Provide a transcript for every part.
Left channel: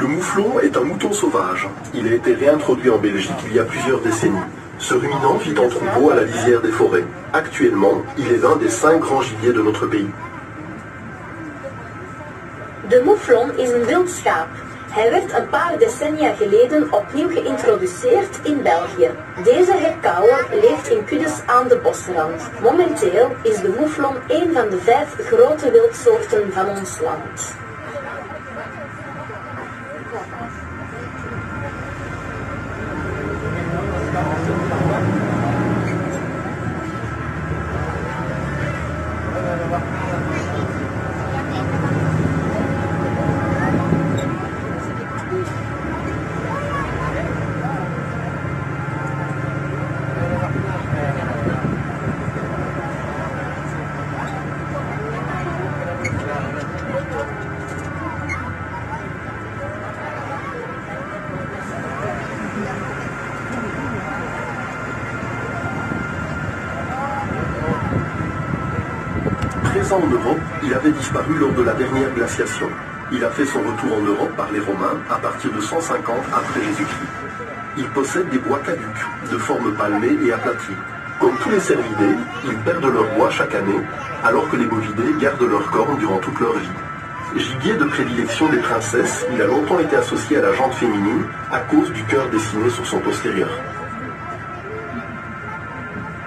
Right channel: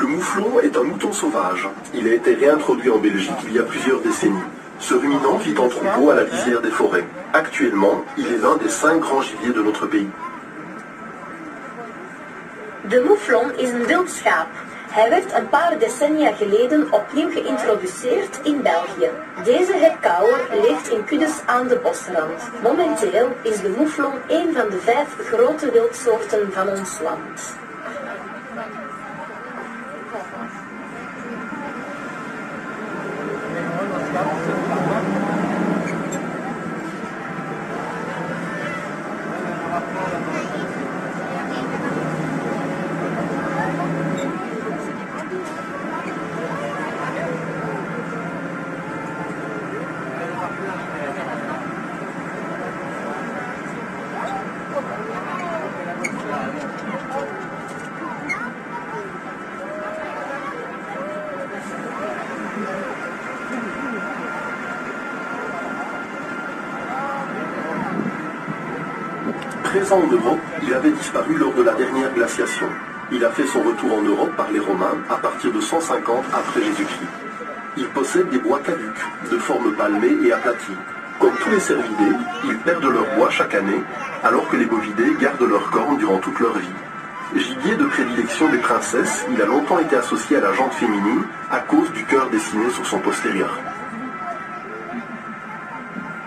Le mouflon est un mouton sauvage. Il a été réintroduit en Belgique il y a plusieurs décennies. Ce ruminant vit en troupeau à la lisière des forêts. Actuellement, il est l'un des 5 grands gibiers de notre pays. De mouflon is een wild schaap. Hij werd een paar decennia geleden opnieuw geïntroduceerd in België. Deze herkauwer leeft in kuddes aan de bosrand. Momenteel is de mouflon een van de 5 grote wildsoorten van ons land. Présent en Europe, il avait disparu lors de la dernière glaciation. Il a fait son retour en Europe par les Romains à partir de 150 après Jésus-Christ. Il possède des bois caducs, de forme palmée et aplatie. Comme tous les cervidés, ils perdent leur bois chaque année, alors que les bovidés gardent leurs cornes durant toute leur vie. Gibier de prédilection des princesses, il a longtemps été associé à la jante féminine à cause du cœur dessiné sur son postérieur.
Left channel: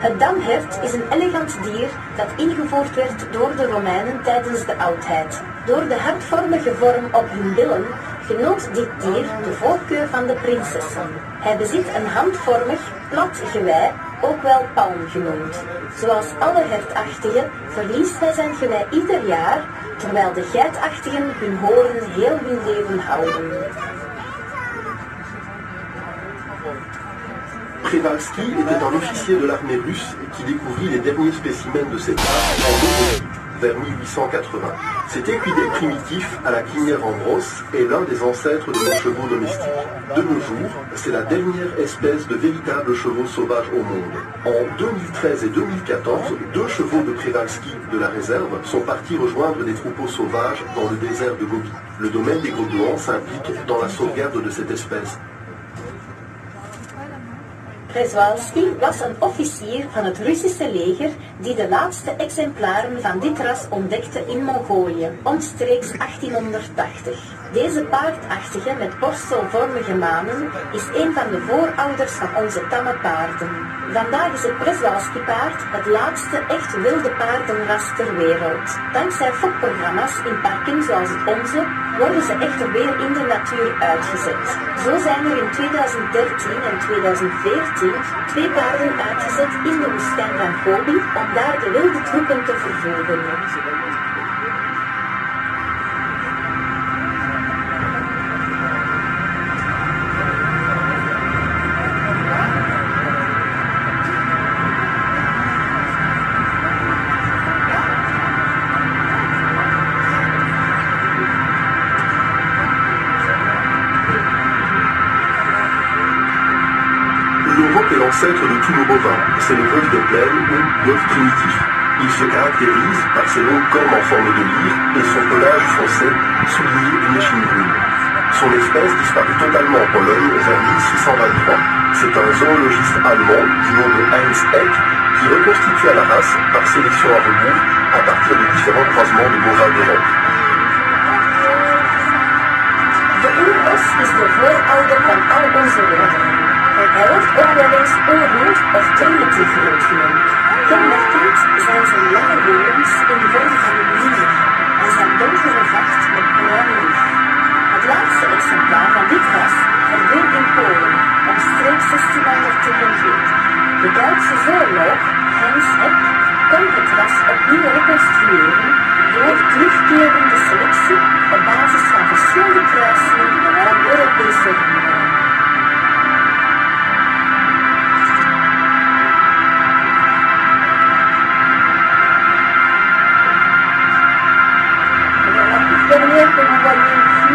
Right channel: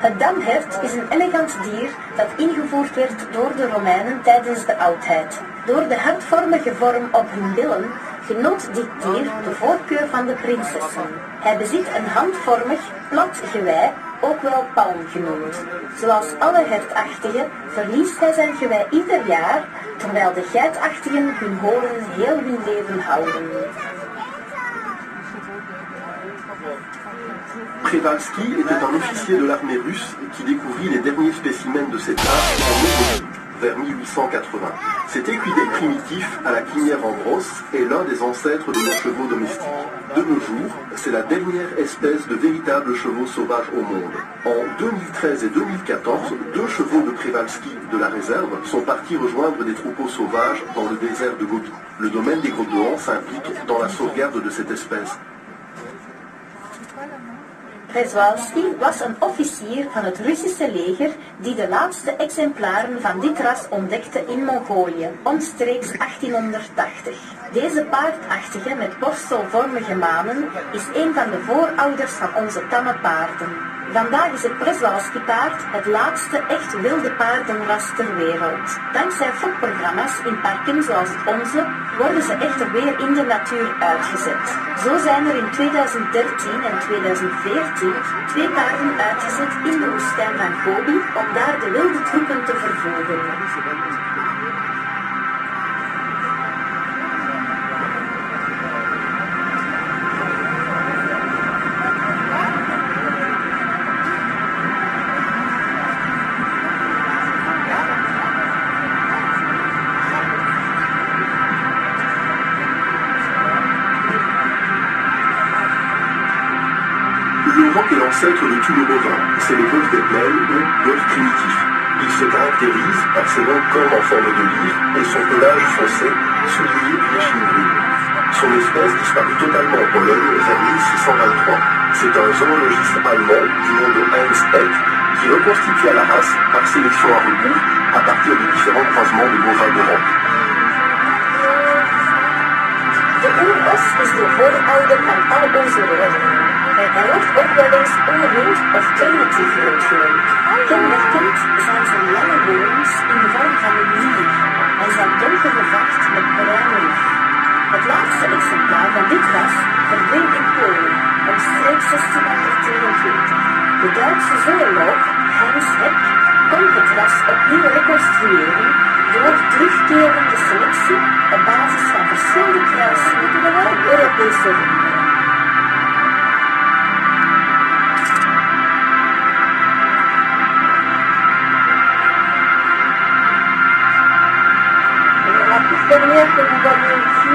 Het damhert is een elegant dier dat ingevoerd werd door de Romeinen tijdens de oudheid. Door de hartvormige vorm op hun billen genoot dit dier de voorkeur van de prinsessen. Hij bezit een handvormig, plat gewei, ook wel palm genoemd. Zoals alle hertachtigen verliest hij zijn gewei ieder jaar, terwijl de geitachtigen hun hoorn heel hun leven houden. Przewalski était un officier de l'armée russe qui découvrit les derniers spécimens de cette race en Mongolie, vers 1880. Cet équidé primitif à la crinière en brosse est l'un des ancêtres de nos chevaux domestiques. De nos jours, c'est la dernière espèce de véritables chevaux sauvages au monde. En 2013 et 2014, 2 chevaux de Przewalski de la réserve sont partis rejoindre des troupeaux sauvages dans le désert de Gobi. Le domaine des Groupes s'implique dans la sauvegarde de cette espèce. Przewalski was een officier van het Russische leger die de laatste exemplaren van dit ras ontdekte in Mongolië, omstreeks 1880. Deze paardachtige met borstelvormige manen is een van de voorouders van onze tamme paarden. Vandaag is het Przewalski-paard het laatste echt wilde paardenras ter wereld. Dankzij fokprogramma's in parken zoals het onze worden ze echter weer in de natuur uitgezet. Zo zijn er in 2013 en 2014 2 paarden uitgezet in de woestijn van Gobi om daar de wilde troepen te vervolgen. L'Europe est l'ancêtre de tous nos bovins. C'est le bœuf des plaines ou bœuf primitif. Il se caractérise par ses longues cornes en forme de lyre et son pelage foncé, souligné d'une échine brune. Son espèce disparut totalement en Pologne vers 1623. C'est un zoologiste allemand du nom de Heinz Eck qui reconstitua la race par sélection à rebours à partir de différents croisements de bovins d'Europe. De oerbos is de voorouder van alle onze roveren. Hij wordt ook wel eens oerrood of primitief rood genoemd. Kenmerkend zijn zijn lange horens in de vorm van een lier en zijn donkere vacht met bruin licht. Het laatste exemplaar van dit ras verdween in Polen, omstreeks 1642. De Duitse zooloog Heinz Eck kon het ras opnieuw reconstrueren door terugkerende selectie op basis van verschillende kruisingen van Europese runderen. Dernière que vous voyez ici,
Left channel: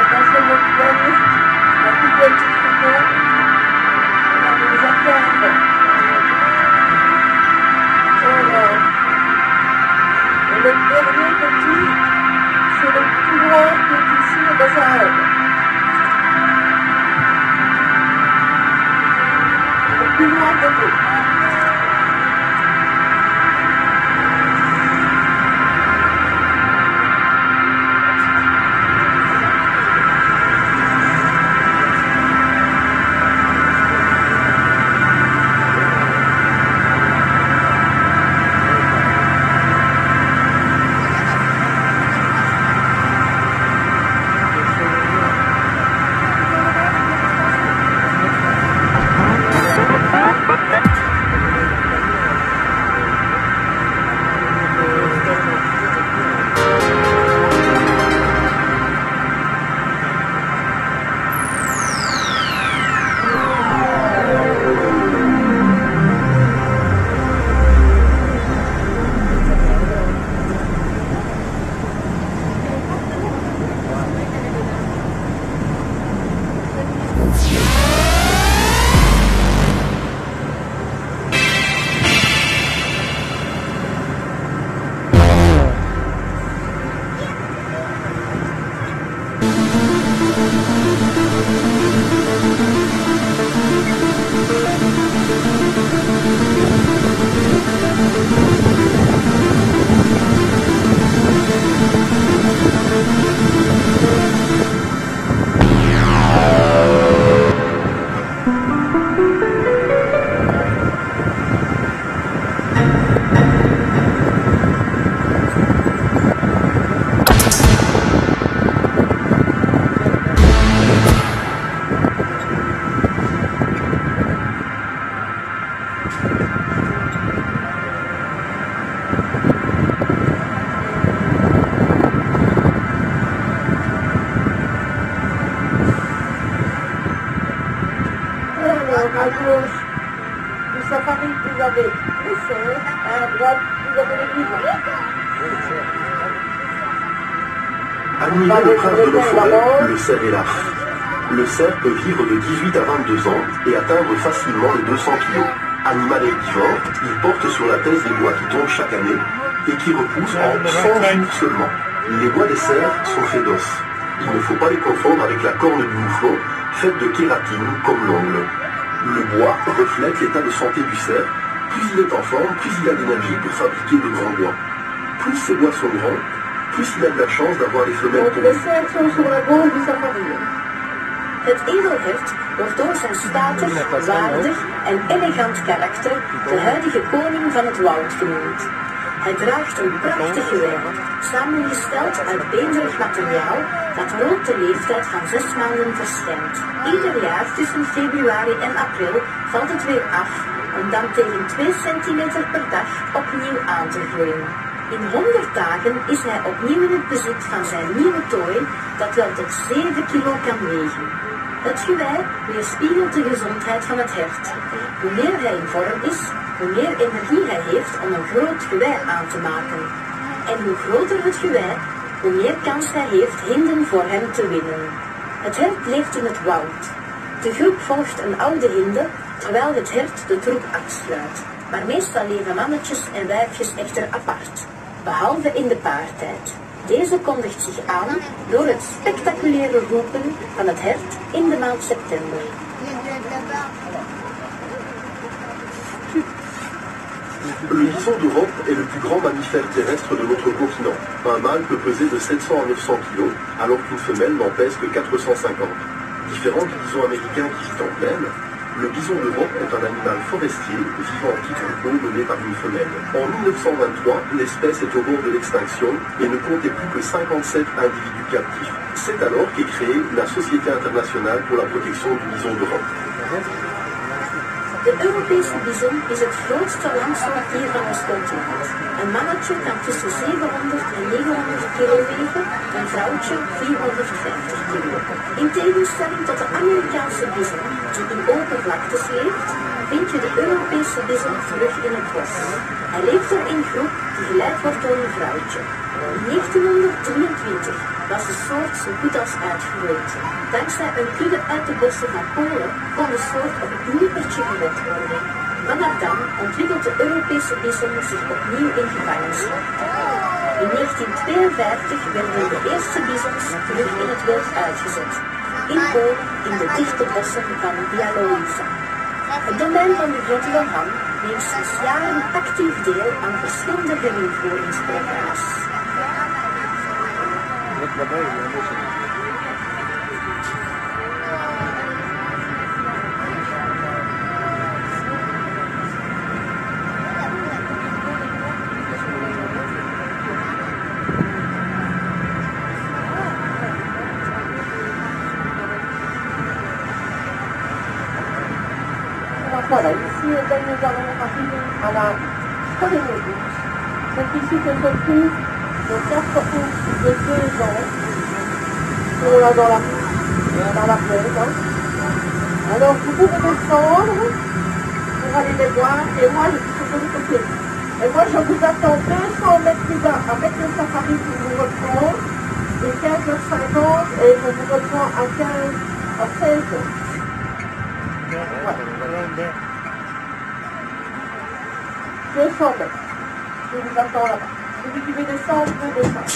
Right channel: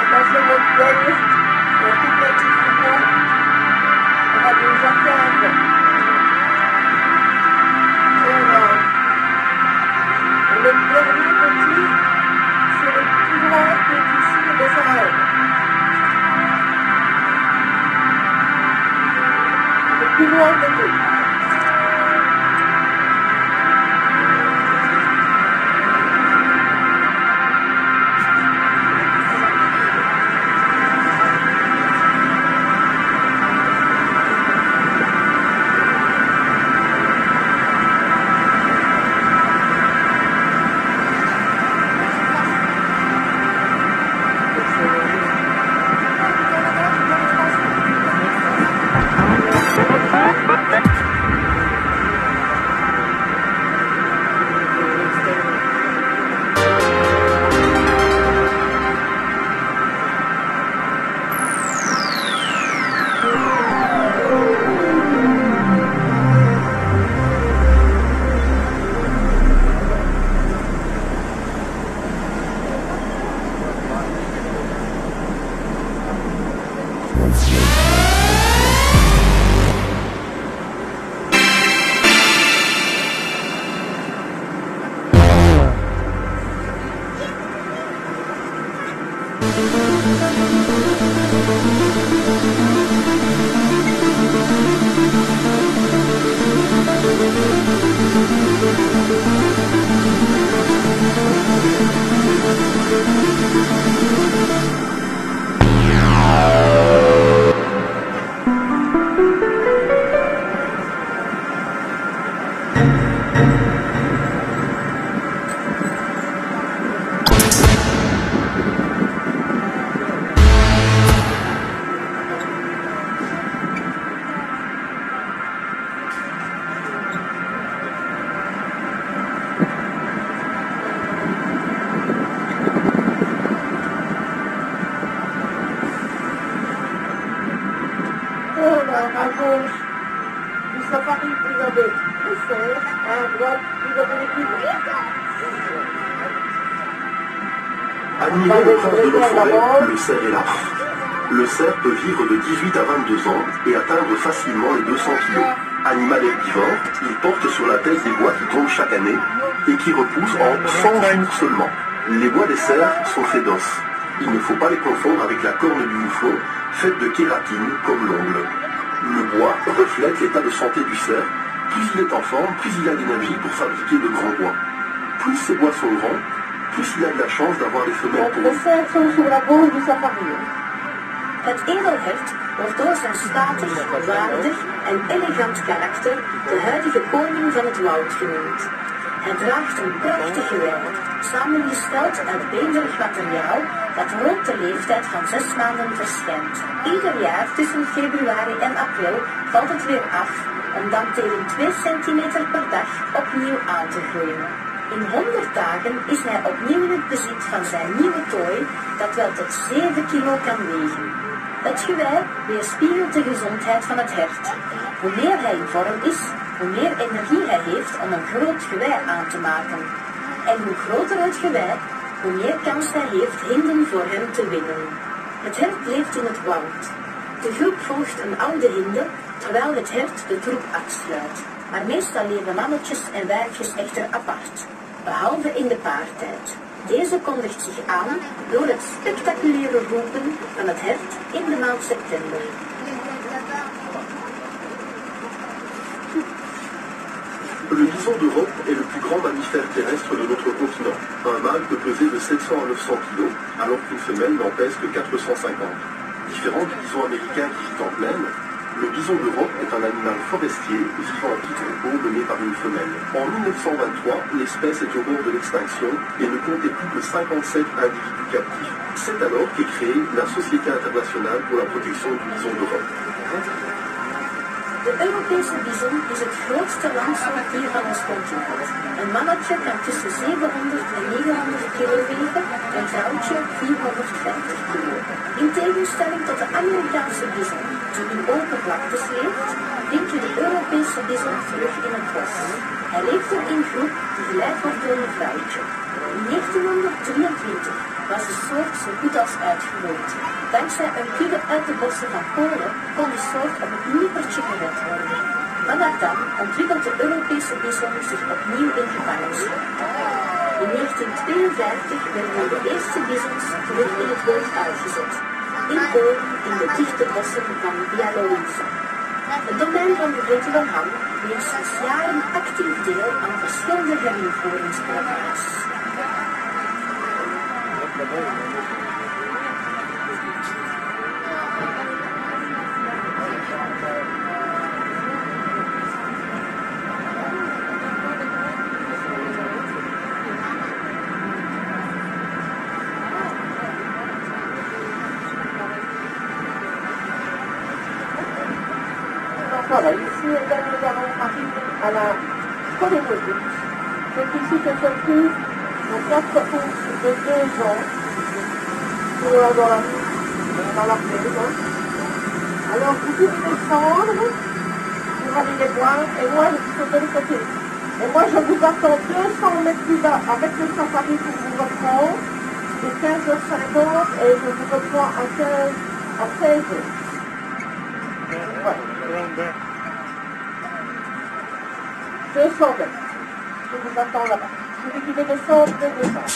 attention votre poignet, la toute petite figure, on va vous attendre. Voilà. Et le dernier petit, c'est le plus grand qui est ici, le Sahel. loin de nous. À gauche du safari, vous avez les cerfs, à droite, vous avez les bisons. Admirez le prince de nos forêts, le cerf et l'arche. Le cerf peut vivre de 18 à 22 ans et atteindre facilement les 200 kg. Animal herbivore, il porte sur la tête des bois qui tombent chaque année et qui repoussent en 100 jours seulement. Les bois des cerfs sont faits d'os. Il ne faut pas les confondre avec la corne du mouflon, faite de kératine comme l'ongle. Le bois reflète l'état de santé du cerf. Plus il est en forme, plus il a d'énergie pour fabriquer de grands bois. Plus ces bois sont grands, plus il a de la chance d'avoir les femelles De cerfs sont sur la gauche du safari. Het edelhert wordt door zijn statig, waardig en elegant karakter de huidige koning van het woud genoemd. Hij draagt een prachtig geweer, samengesteld uit beenderig materiaal dat rond de leeftijd van 6 maanden verschijnt. Ieder jaar tussen februari en april valt het weer af, om dan tegen 2 centimeter per dag opnieuw aan te groeien. In 100 dagen is hij opnieuw in het bezit van zijn nieuwe tooi, dat wel tot 7 kilo kan wegen. Het gewei weerspiegelt de gezondheid van het hert. Hoe meer hij in vorm is, hoe meer energie hij heeft om een groot gewei aan te maken. En hoe groter het gewei, hoe meer kans hij heeft hinden voor hem te winnen. Het hert leeft in het woud. De groep volgt een oude hinde, terwijl het hert de troep afsluit. Maar meestal leven mannetjes en wijfjes echter apart, behalve in de paartijd. Deze kondigt zich aan door het spectaculaire roepen van het hert in de maand september. Le bison d'Europe est le plus grand mammifère terrestre de notre continent. Un mâle peut peser de 700 à 900 kg, alors qu'une femelle n'en pèse que 450. Différent du bison américain qui vit en plaine, le bison d'Europe est un animal forestier vivant en petit troupeau mené par une femelle. En 1923, l'espèce est au bord de l'extinction et ne comptait plus que 57 individus captifs. C'est alors qu'est créée la Société internationale pour la protection du bison d'Europe. De Europese bison is het grootste landsoortdier van ons continent. Een mannetje kan tussen 700 en 900 kilo wegen, een vrouwtje 450 kilo. In tegenstelling tot de Amerikaanse bison, die in open vlaktes leeft, vind je de Europese bison terug in het bos. Hij leeft er in groep die geleid wordt door een vrouwtje. In 1923 was de soort zo goed als uitgeroeid. Dankzij een kudde uit de bossen van Polen kon de soort op het nippertje gered worden. Vanaf dan ontwikkelt de Europese bison zich opnieuw in gevangenschap. In 1952 werden de eerste bisons terug in het wild uitgezet. In Polen in de dichte bossen van Białowieża. Het domein van de Virtuele Hal neemt sinds jaren actief deel aan verschillende geringvoeringsprogramma's. Voilà, ici, nous allons arriver à la première bouche. Donc ici, se trouve le centre de 2 ans. On est là dans la plaine. Hein. Alors, vous pouvez descendre pour aller les voir. Et moi, je suis sur le côté. Et moi, je vous attends 200 mètres plus bas avec le safari pour vous reprendre. Et 15h50, et je vous reprends à 16h. Voilà. 200 mètres. Je vous attends là-bas. Celui qui veut descendre, il peut descendre.